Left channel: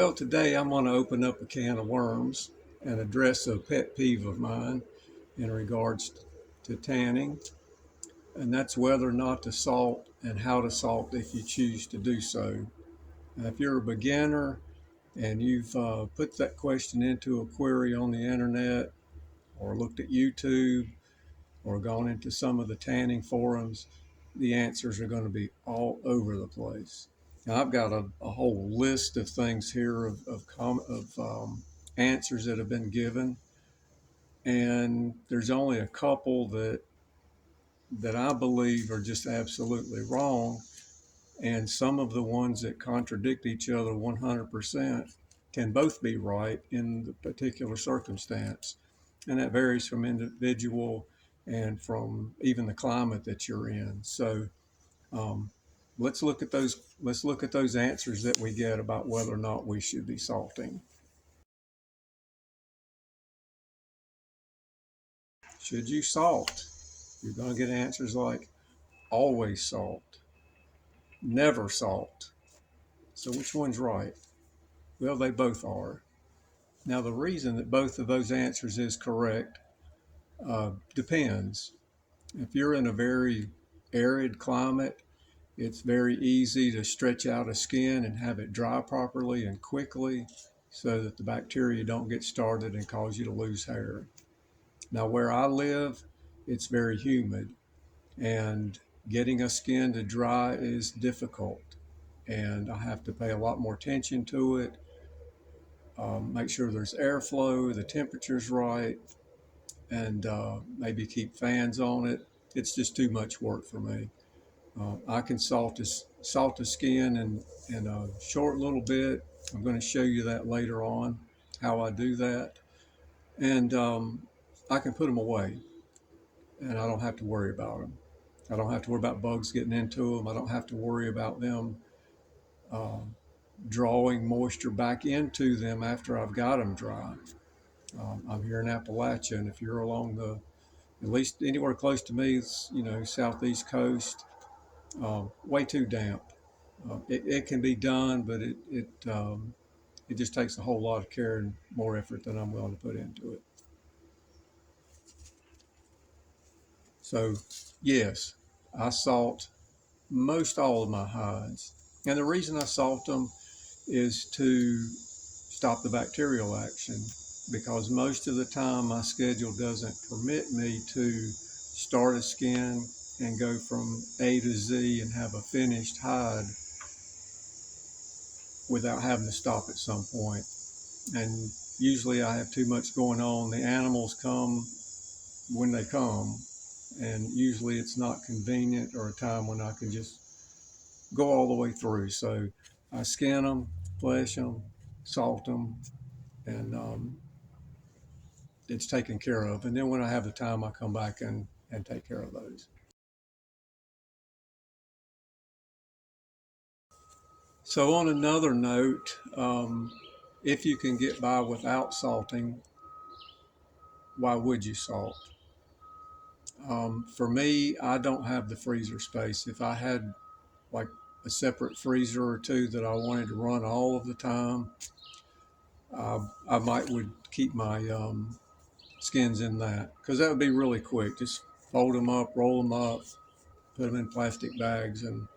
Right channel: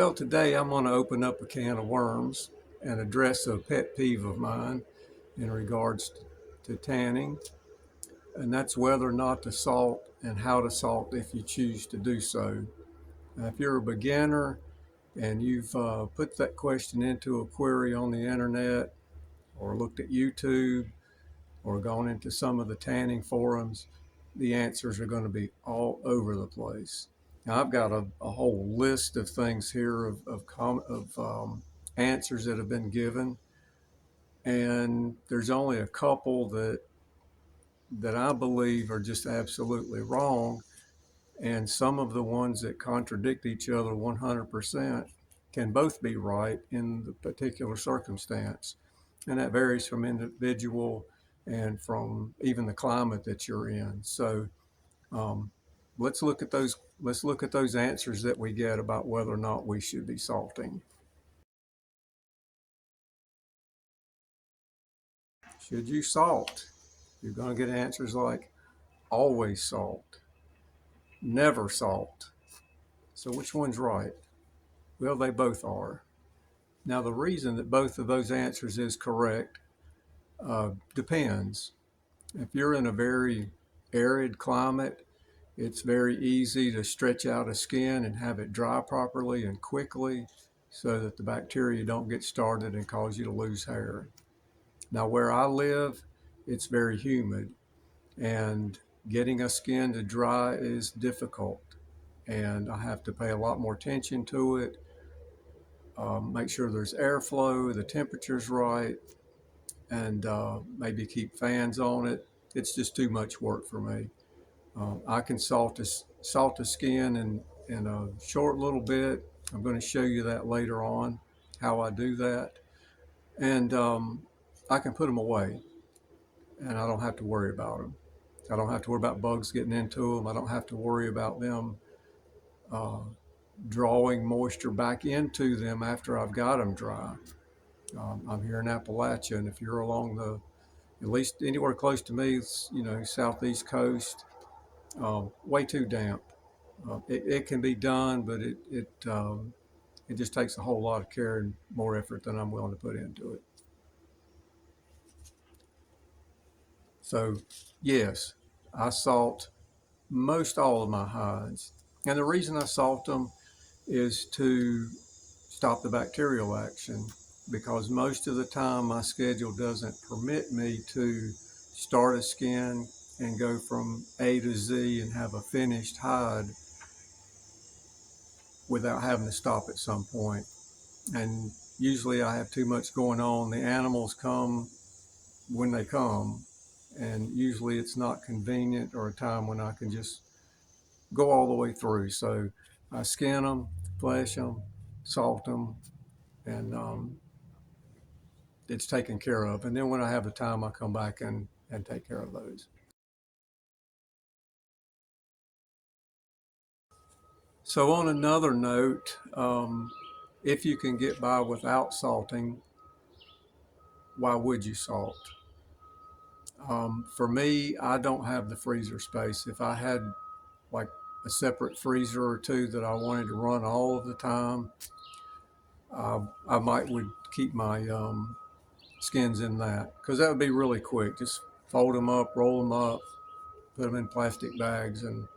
Well, today I'm going to open up a can of worms and address a pet peeve of mine in regards to tanning, and that's whether or not to salt and how to salt if you choose to do so. Now, if you're a beginner and you've put that question into a query on the internet or looked at YouTube or gone into some of the tanning forums, the answers are going to be all over the place. Now, I've got a whole list of things here of answers that have been given, and there's only a couple that I believe are just absolutely wrong, and some of the ones that contradict each other 100% can both be right in the particular circumstance, and that varies from individual and from even the climate that you're in. So um, let's look at those. Let's look at those answers that we get about whether or not we should be salting. Should you salt? You're going to get answers like always salt, never salt. So which one's right? Well, they both are. Now, the reason that both of those answers is correct depends. If you're in a very arid climate, it's very easy to stretch out a skin and have it dry properly and quickly so that the bacteria don't get started and cause you to lose hair. Now, where I live, it's very humid, and getting a skin to dry is difficult, and I have to pay a lot more attention to it, make sure there's airflow, the temperature's right, and maybe keep fans on it. It's just too much work for me. I can salt the skin in a short little bit. I'm going to show you that later on, how I do that. And I can put them away, and I don't have to worry about them. I don't have to worry about bugs getting into them. I don't have to worry about them uh, drawing moisture back into them after I've got them dry. I'm here in Appalachia, and if you're along at least anywhere close to me, southeast coast, way too damp. It can be done, but it just takes a whole lot of care and more effort than I'm willing to put into it. So, yes, I salt most all of my hides. And the reason I salt them is to stop the bacterial action, because most of the time my schedule doesn't permit me to start a skin and go from A to Z and have a finished hide without having to stop at some point. And usually I have too much going on. The animals come when they come, and usually it's not convenient or a time when I can just go all the way through. So I skin them, flesh them, salt them, and it's taken care of. And then when I have the time, I come back and take care of those. So on another note, if you can get by without salting, why would you salt? For me, I don't have the freezer space. If I had like a separate freezer or two that I wanted to run all of the time, I might would keep my skins in that, because that would be really quick. Just fold them up, roll them up, put them in plastic bags, and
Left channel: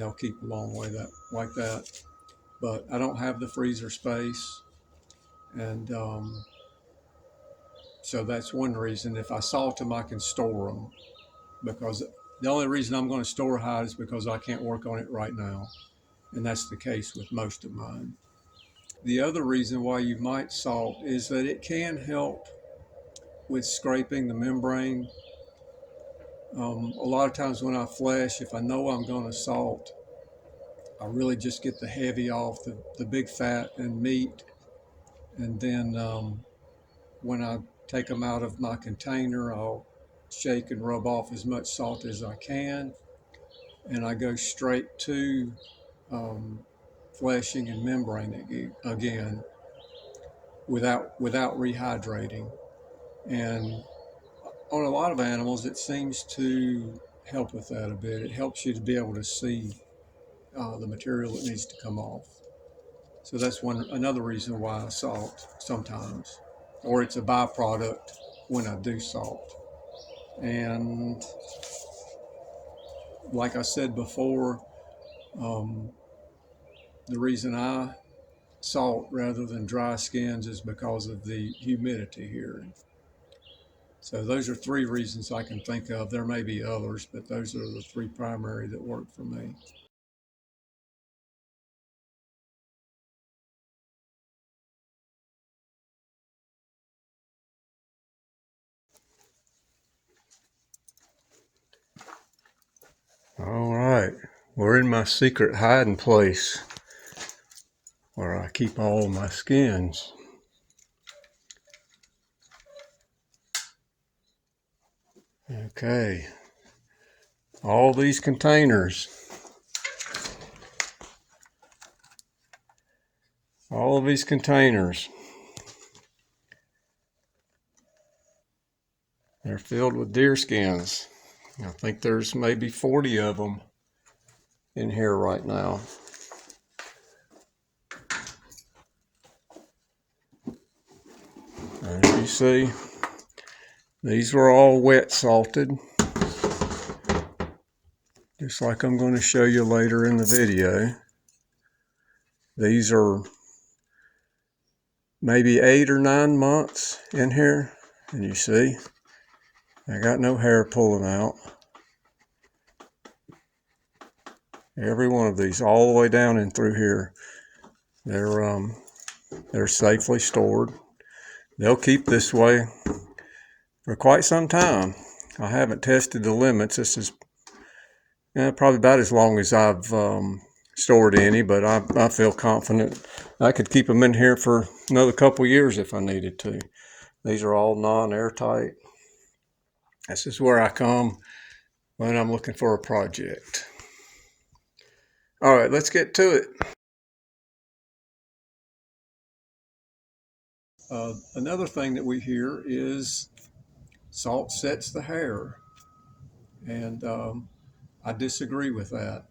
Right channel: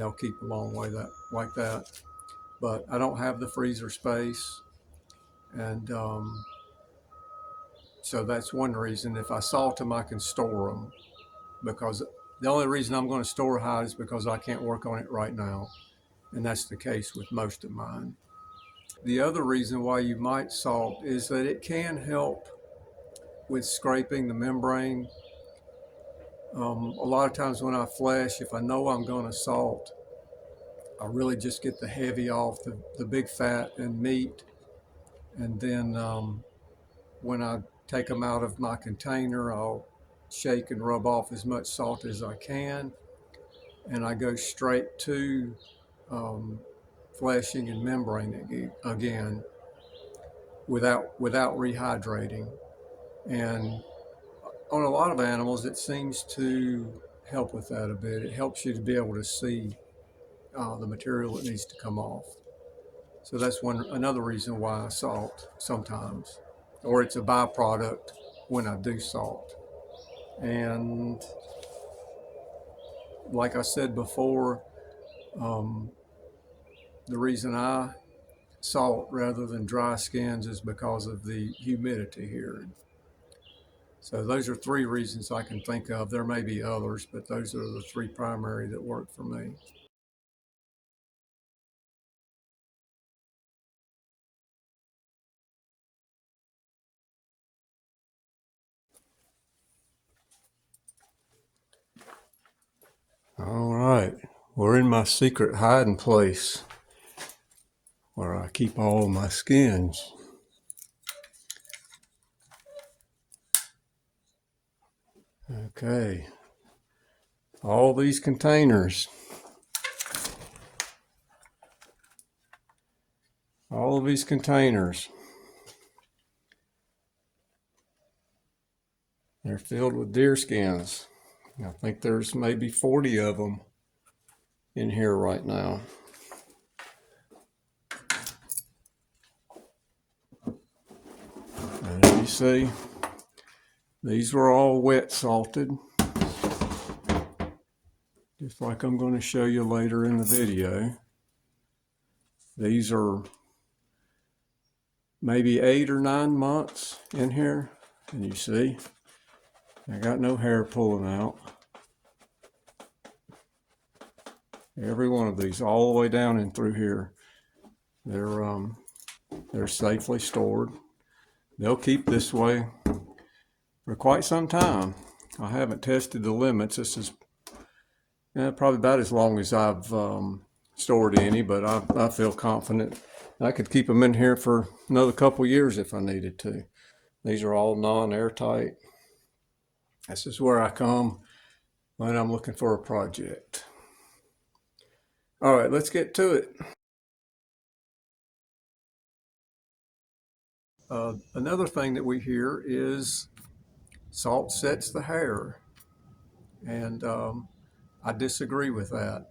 they'll keep a long way that like that. But I don't have the freezer space, and so that's one reason. If I salt them, I can store them, because the only reason I'm going to store hide is because I can't work on it right now, and that's the case with most of mine. The other reason why you might salt is that it can help with scraping the membrane. A lot of times when I flesh, if I know I'm going to salt, I really just get the heavy off, the big fat and meat, and then when I take them out of my container, I'll shake and rub off as much salt as I can, and I go straight to fleshing and membrane again without rehydrating. And on a lot of animals, it seems to help with that a bit. It helps you to be able to see the material that needs to come off. So that's another reason why I salt sometimes, or it's a byproduct when I do salt. And like I said before, um, the reason I salt rather than dry skins is because of the humidity here. So those are three reasons I can think of. There may be others, but those are the three primary that work for me. All right, we're in my secret hiding place where I keep all my skins. Okay, all these containers, all of these containers, they're filled with deer skins. I think there's maybe 40 of them in here right now. As you see, these were all wet salted, just like I'm going to show you later in the video. These are maybe 8 or 9 months in here, and you see, I got no hair pulling out. Every one of these, all the way down and through here, they're safely stored. They'll keep this way for quite some time. I haven't tested the limits. This is probably about as long as I've stored any, but I feel confident I could keep them in here for another couple years if I needed to. These are all non-airtight. This is where I come when I'm looking for a project. All right, let's get to it. Another thing that we hear is salt sets the hair, and I disagree with that.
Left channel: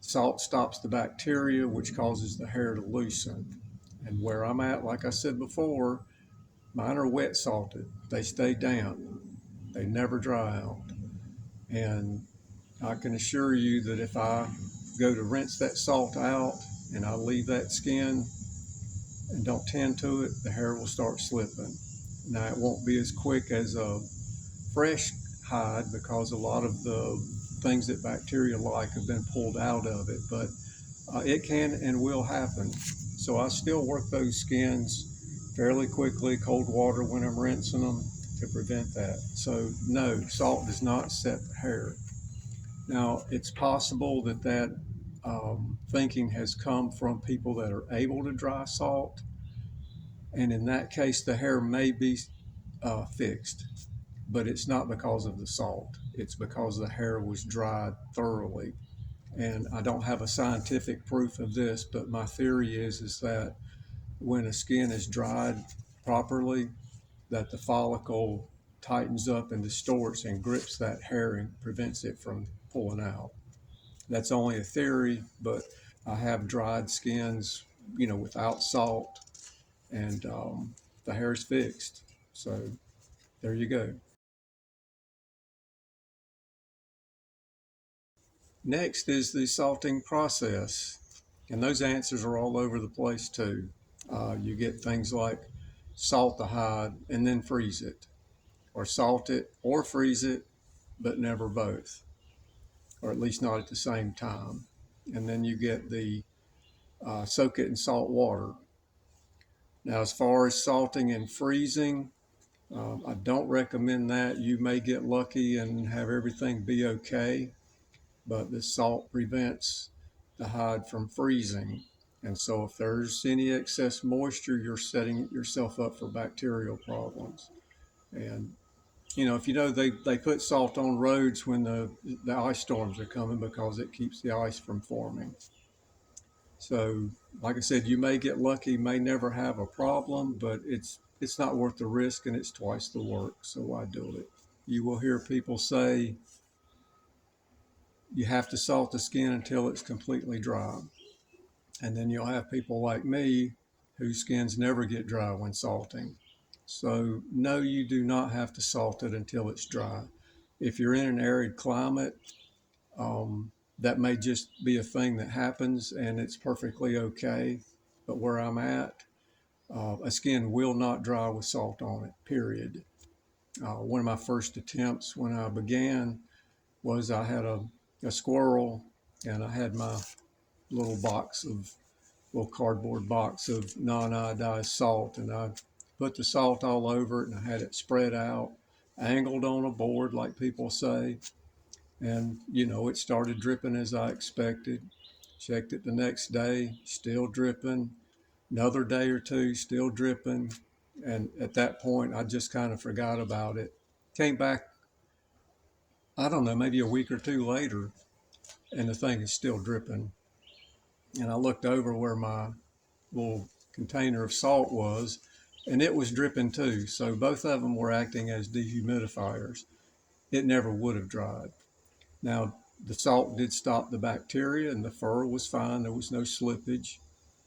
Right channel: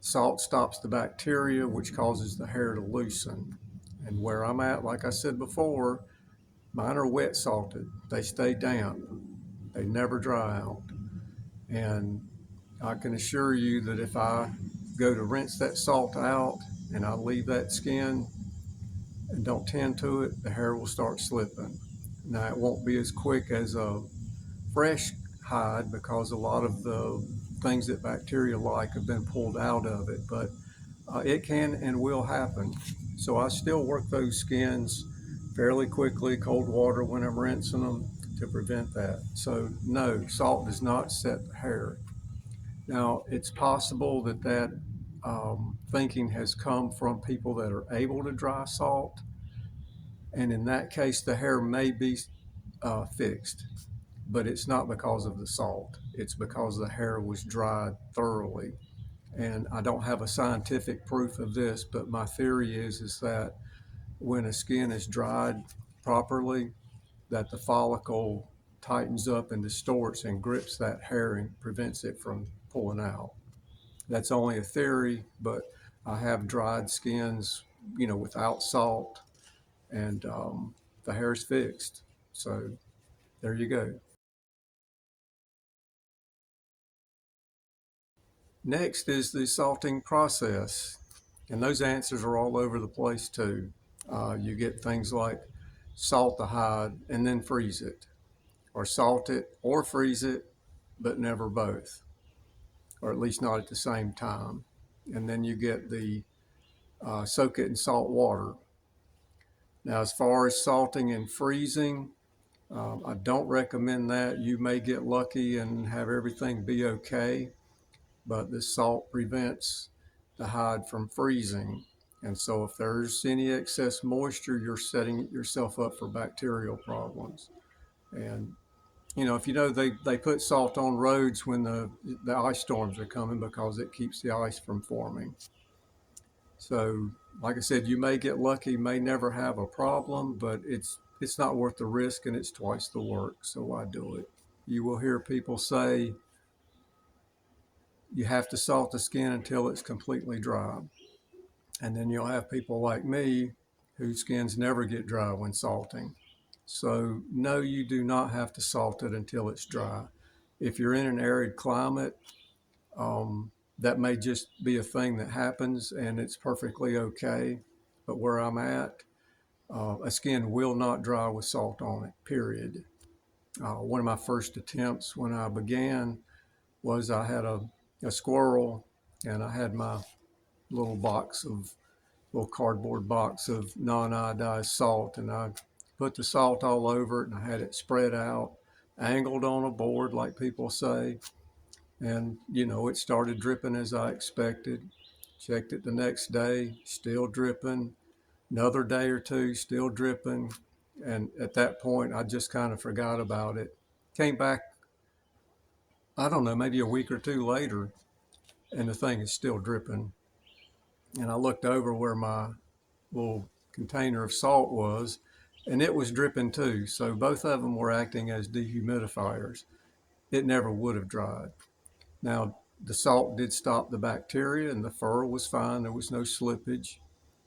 Salt stops the bacteria, which causes the hair to loosen. And where I'm at, like I said before, mine are wet salted. They stay damp. They never dry out. And I can assure you that if I go to rinse that salt out and I leave that skin and don't tend to it, the hair will start slipping. Now, it won't be as quick as a fresh hide because a lot of the things that bacteria like have been pulled out of it, but it can and will happen. So I still work those skins fairly quickly, cold water when I'm rinsing them to prevent that. So no, salt does not set the hair. Now, it's possible that thinking has come from people that are able to dry salt, and in that case, the hair may be fixed, but it's not because of the salt. It's because the hair was dried thoroughly. And I don't have a scientific proof of this, but my theory is that when a skin is dried properly, that the follicle tightens up and distorts and grips that hair and prevents it from pulling out. That's only a theory, but I have dried skins, without salt, and the hair is fixed. So there you go. Next is the salting process, and those answers are all over the place too. You get things like salt the hide and then freeze it, or salt it or freeze it, but never both, or at least not at the same time. And then you get the soak it in salt water. Now, as far as salting and freezing, I don't recommend that. You may get lucky and have everything be okay, but the salt prevents the hide from freezing. And so if there's any excess moisture, you're setting yourself up for bacterial problems. And if they put salt on roads when the ice storms are coming because it keeps the ice from forming. So like I said, you may get lucky, may never have a problem, but it's not worth the risk and it's twice the work. So why do it? You will hear people say you have to salt the skin until it's completely dry. And then you'll have people like me whose skins never get dry when salting. So no, you do not have to salt it until it's dry. If you're in an arid climate, that may just be a thing that happens and it's perfectly okay. But where I'm at, a skin will not dry with salt on it, period. One of my first attempts when I began was I had a squirrel and I had my little box of little cardboard box of non-iodized salt, and I put the salt all over it and I had it spread out, angled on a board like people say, and it started dripping as I expected. Checked it the next day, still dripping. Another day or two, still dripping. And at that point, I just kind of forgot about it. Came back, I don't know, maybe a week or two later, and the thing is still dripping. And I looked over where my little container of salt was, and it was dripping too. So both of them were acting as dehumidifiers. It never would have dried. Now, the salt did stop the bacteria and the fur was fine. There was no slippage,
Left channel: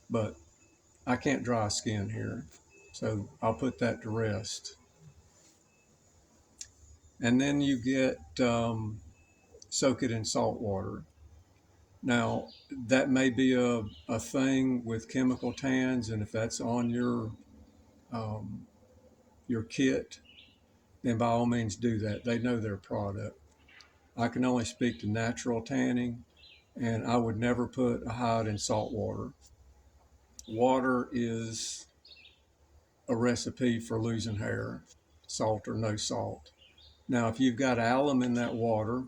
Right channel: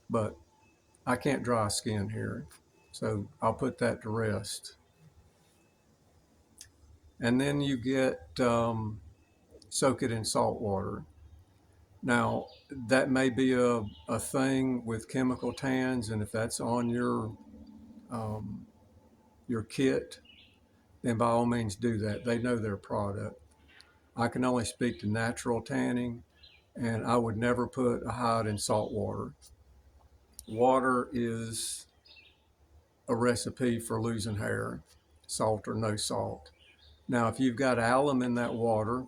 but I can't dry skin here. So I'll put that to rest. And then you get soak it in salt water. Now, that may be a thing with chemical tans, and if that's on your kit, then by all means do that. They know their product. I can only speak to natural tanning, and I would never put a hide in salt water. Water is a recipe for losing hair, salt or no salt. Now, if you've got alum in that water,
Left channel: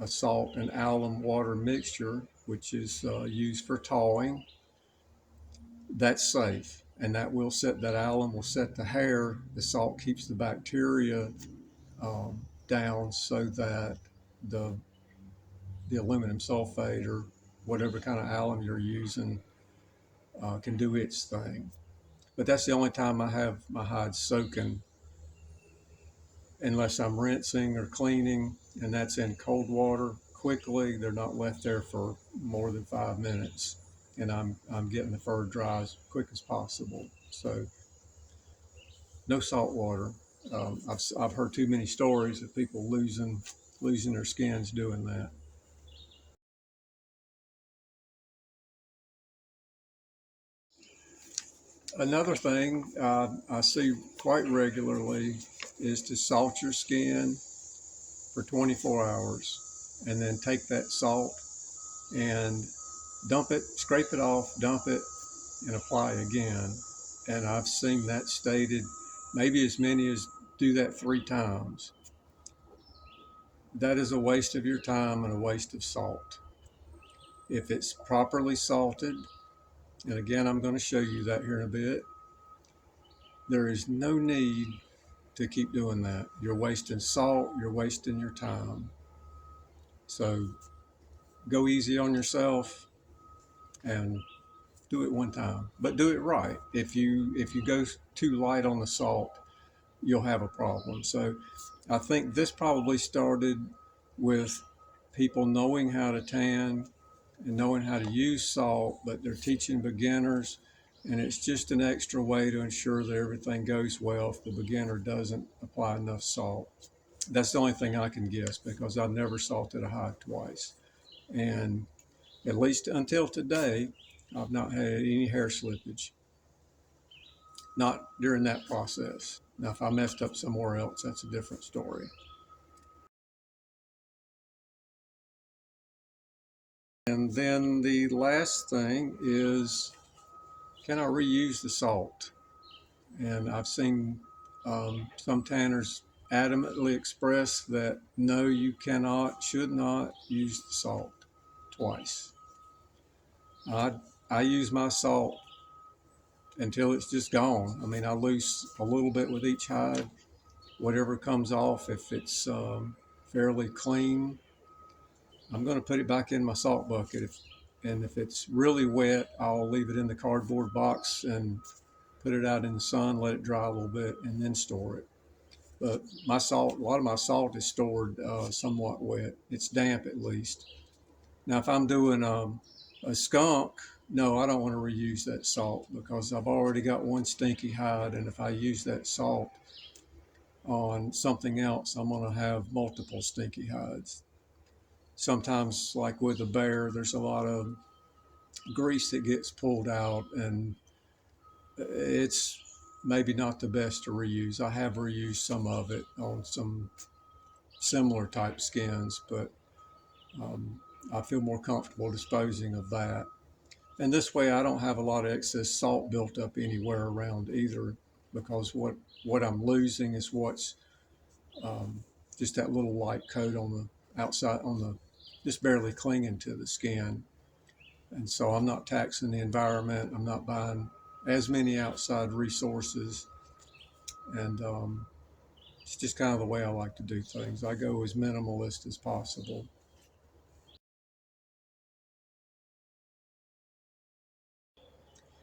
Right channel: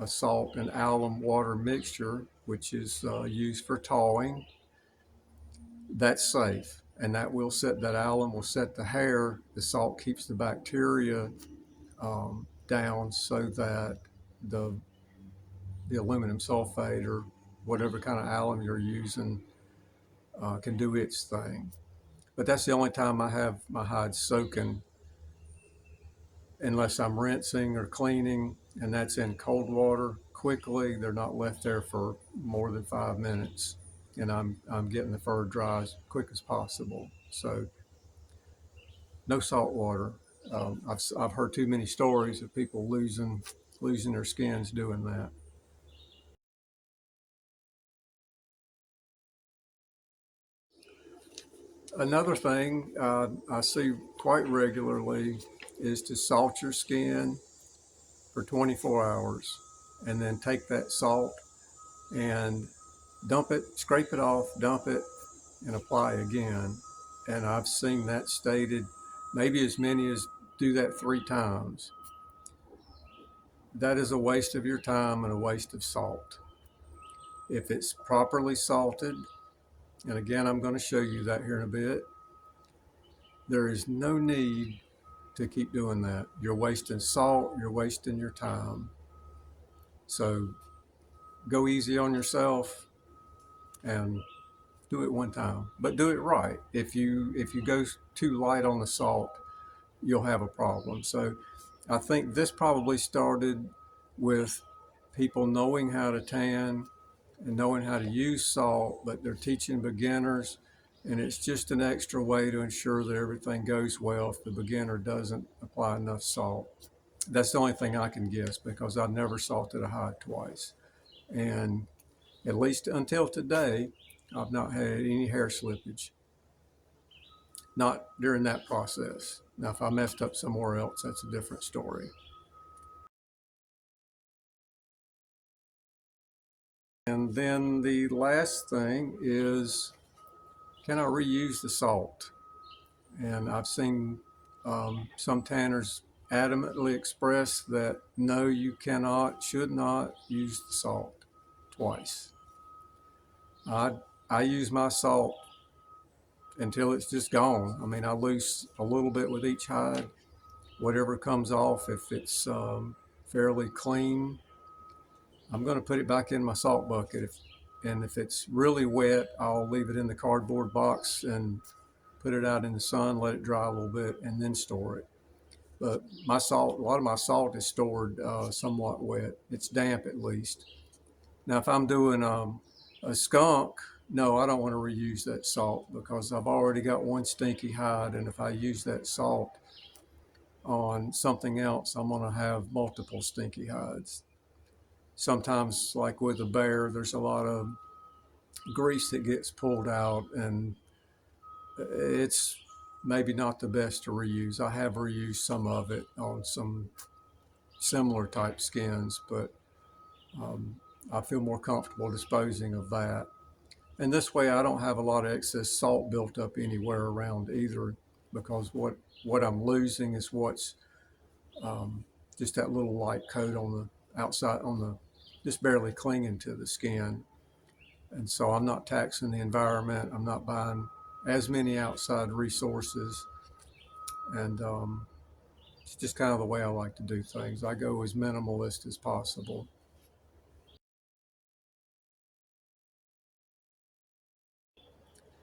a salt and alum water mixture, which is used for tawing, that's safe. And that alum will set the hair. The salt keeps the bacteria down so that the aluminum sulfate or whatever kind of alum you're using can do its thing. But that's the only time I have my hides soaking, unless I'm rinsing or cleaning, and that's in cold water quickly. They're not left there for more than 5 minutes, and I'm getting the fur dry as quick as possible. So no salt water. I've heard too many stories of people losing their skins doing that. Another thing I see quite regularly is to salt your skin for 24 hours and then take that salt and dump it, scrape it off, dump it, and apply again. And I've seen that stated, maybe as many as do that 3 times. That is a waste of your time and a waste of salt. If it's properly salted, and again, I'm going to show you that here in a bit, there is no need to keep doing that. You're wasting salt, you're wasting your time. So go easy on yourself and do it one time, but do it right. If you go too light on the salt, you'll have a problem. So I think this probably started with people knowing how to tan and knowing how to use salt, but they're teaching beginners, and it's just an extra way to ensure that everything goes well if the beginner doesn't apply enough salt. That's the only thing I can guess, because I've never salted a hide twice. And at least until today, I've not had any hair slippage. Not during that process. Now, if I messed up somewhere else, that's a different story. And then the last thing is, can I reuse the salt? And I've seen some tanners adamantly express that no, you cannot, should not use the salt twice. I use my salt until it's just gone. I mean, I lose a little bit with each hide. Whatever comes off, if it's fairly clean, I'm going to put it back in my salt bucket. And if it's really wet, I'll leave it in the cardboard box and put it out in the sun, let it dry a little bit, and then store it. But a lot of my salt is stored somewhat wet. It's damp at least. Now, if I'm doing A skunk, no, I don't want to reuse that salt because I've already got one stinky hide, and if I use that salt on something else, I'm going to have multiple stinky hides. Sometimes, like with a bear, there's a lot of grease that gets pulled out, and it's maybe not the best to reuse. I have reused some of it on some similar type skins, but um, I feel more comfortable disposing of that. And this way, I don't have a lot of excess salt built up anywhere around either, because what I'm losing is what's um, just that little light coat on the outside, on the just barely clinging to the skin. And so I'm not taxing the environment. I'm not buying as many outside resources, and it's just kind of the way I like to do things. I go as minimalist as possible.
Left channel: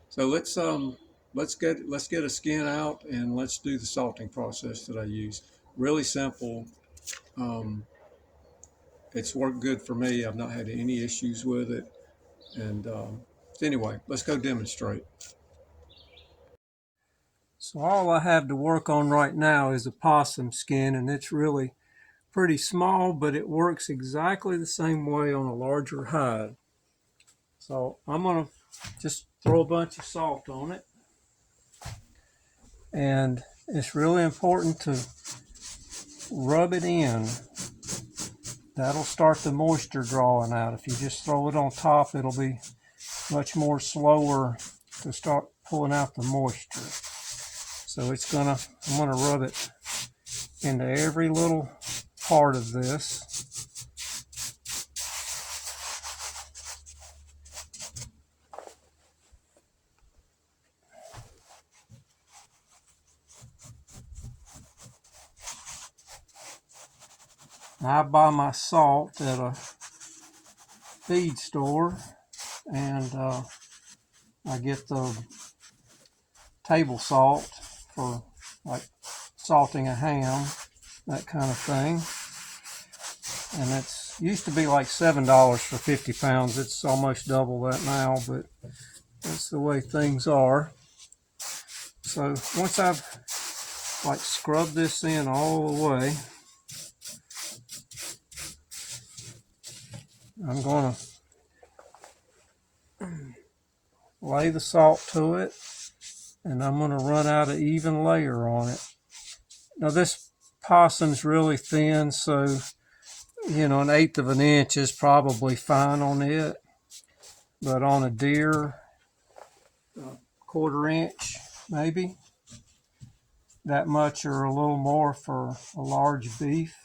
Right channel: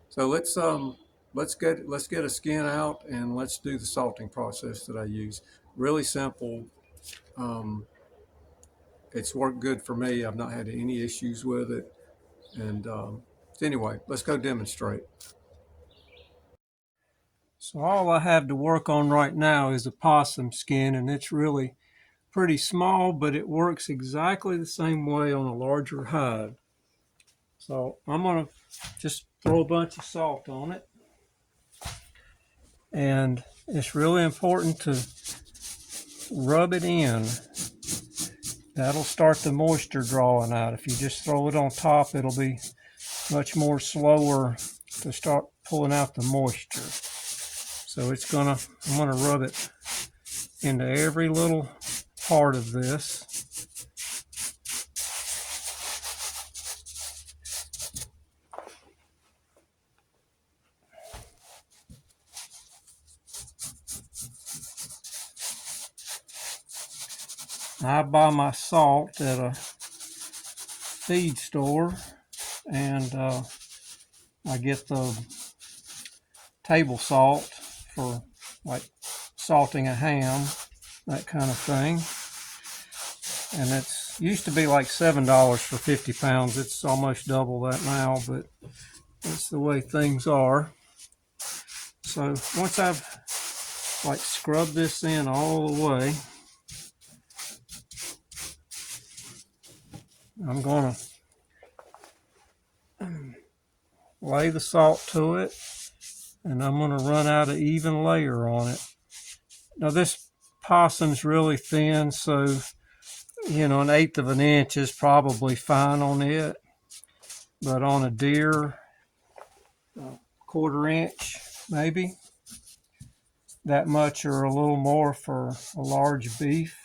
So let's get a skin out and let's do the salting process that I use. Really simple. Um, it's worked good for me. I've not had any issues with it. And anyway, let's go demonstrate. So all I have to work on right now is a possum skin, and it's really pretty small, but it works exactly the same way on a larger hide. So I'm going to just throw a bunch of salt on it. And it's really important to rub it in. That'll start the moisture drawing out. If you just throw it on top, it'll be much more slower to start pulling out the moisture. So I'm gonna rub it into every little part of this. I buy my salt at a feed store, and I get the table salt for like salting a ham, that kind of thing. And it's used to be like $7 for 50 pounds. It's almost double that now, but that's the way things are. So once I've like scrubbed this in all the way, I'm going to lay the salt to it, and I'm going to run out an even layer on it. Now this possum's really thin, so an eighth of an inch is probably fine on it, but on a deer, a quarter inch maybe, that much or a little more for a large beef.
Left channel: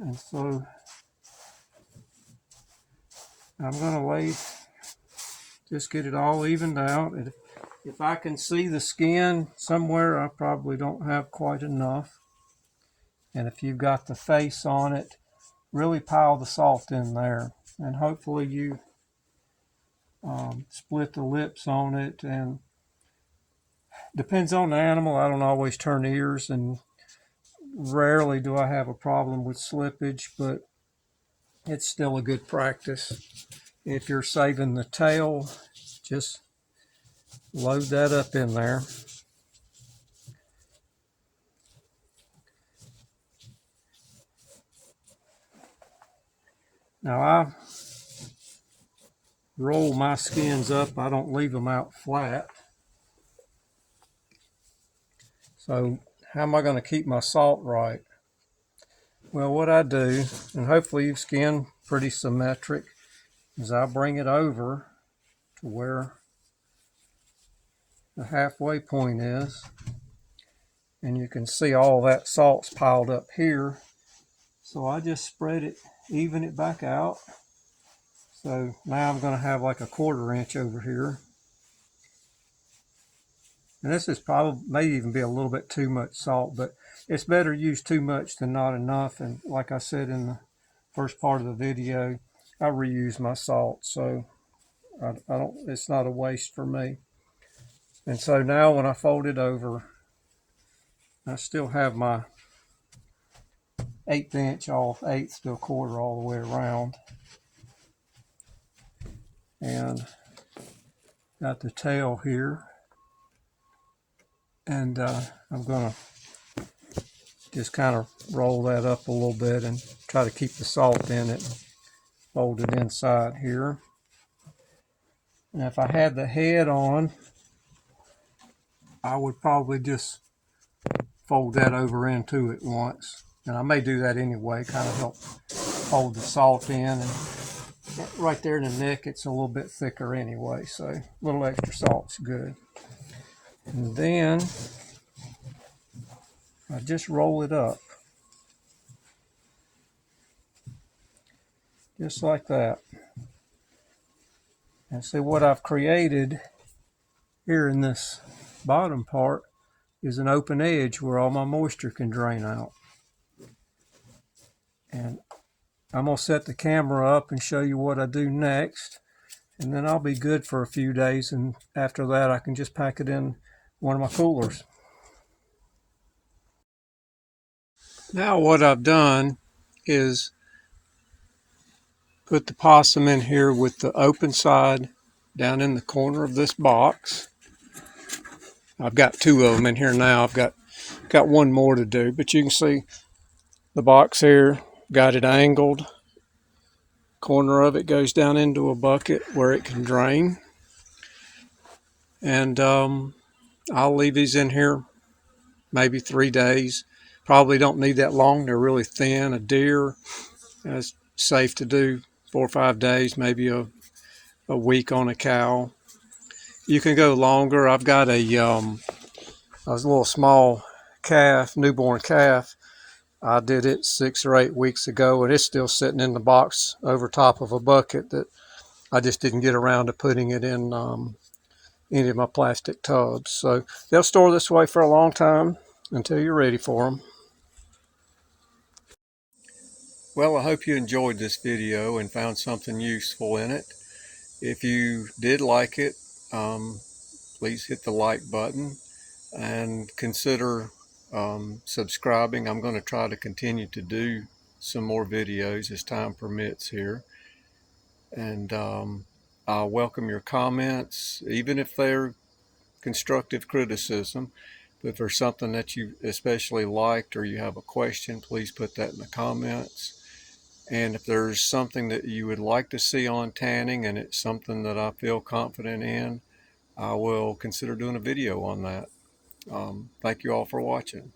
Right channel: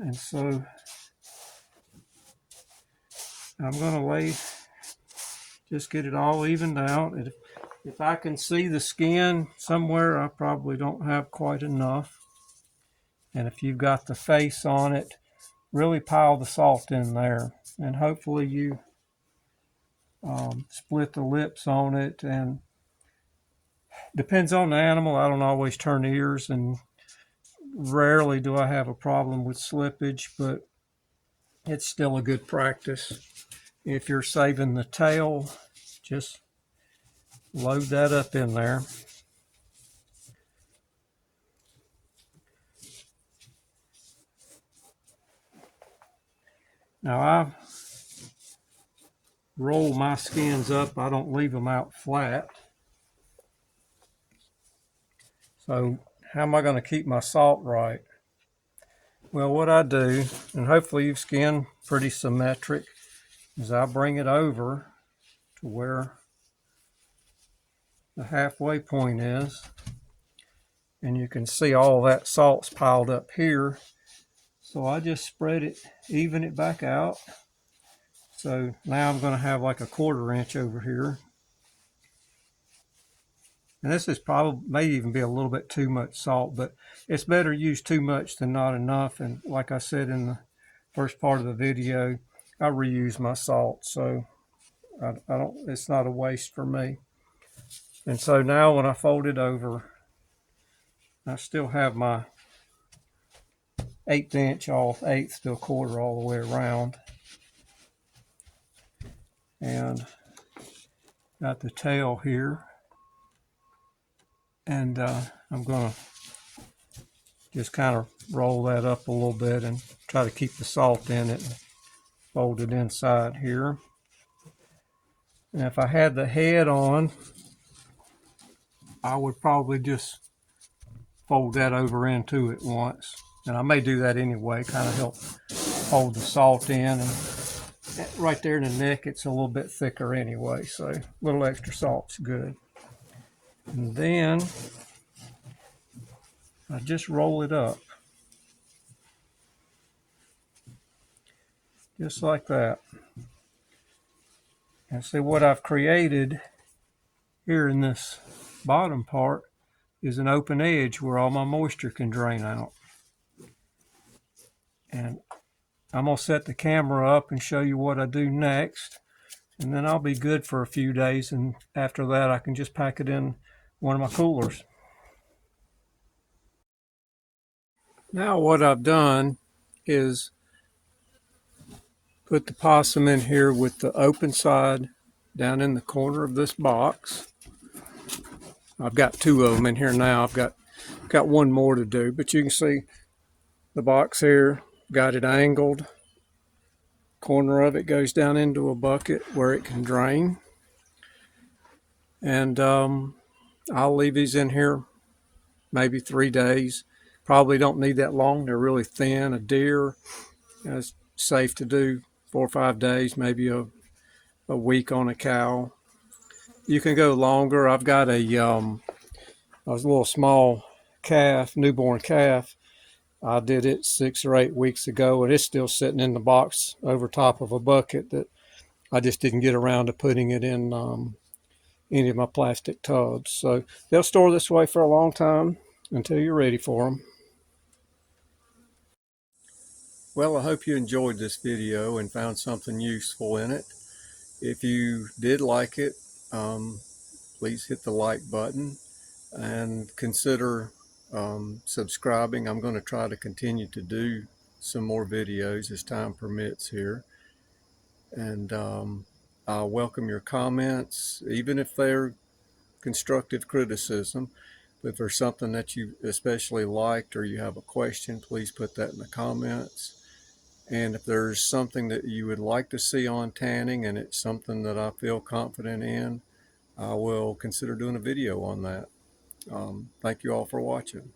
And so I'm going to just get it all evened out. If I can see the skin somewhere, I probably don't have quite enough. And if you've got the face on it, really pile the salt in there. And hopefully you split the lips on it. And depends on the animal. I don't always turn ears, and rarely do I have a problem with slippage, but it's still a good practice. If you're saving the tail, just load that up in there. Now I roll my skins up. I don't leave them out flat. So how am I going to keep my salt right? Well, what I do, and hopefully you've skinned pretty symmetric, is I bring it over to where the halfway point is, and you can see all that salt's piled up here. So I just spread it, even it back out. So now I'm going to have like a quarter inch over here. And this is probably, may even be a little bit too much salt, but it's better to use too much than not enough. And like I said in the first part of the video, I reuse my salt, so I don't, it's not a waste for me. And so now when I fold it over, I still have my 1/8 inch off, eighth to a quarter all the way around. and got the tail here, and I'm going to just kind of roll that up a little bit and try to keep the salt in it. Fold it inside here. And if I had the head on, I would probably just fold that over into it once. And I may do that anyway, kind of help hold the salt in. And right there in the neck, it's a little bit thicker anyway, so a little extra salt's good. And then I just roll it up. Just like that. And see what I've created here in this bottom part is an open edge where all my moisture can drain out. And I'm going to set the camera up and show you what I do next. And then I'll be good for a few days. And after that, I can just pack it in one of my coolers. Now what I've done is put the possum in here with the open side down in the corner of this box. I've got two of them in here now. I've got one more to do, but you can see the box here, got it angled. Corner of it goes down into a bucket where it can drain. And I'll leave these in here maybe 3 days. Probably don't need that long. They're really thin. A deer, it's safe to do 4 or 5 days, maybe a week on a cow. You can go longer. I've got a little small calf, newborn calf. I did it 6 or 8 weeks ago, and it's still sitting in the box over top of a bucket that I just didn't get around to putting it in any of my plastic tubs. So they'll store this way for a long time until you're ready for them. Well, I hope you enjoyed this video and found something useful in it. If you did like it, please hit the like button and consider subscribing. I'm going to try to continue to do some more videos as time permits here. And I'll welcome your comments, even if they're constructive criticism. But if there's something that you especially liked or you have a question, please put that in the comments. And if there's something that you would like to see on tanning and it's something that I feel confident in, I will consider doing a video on that. Thank you all for watching.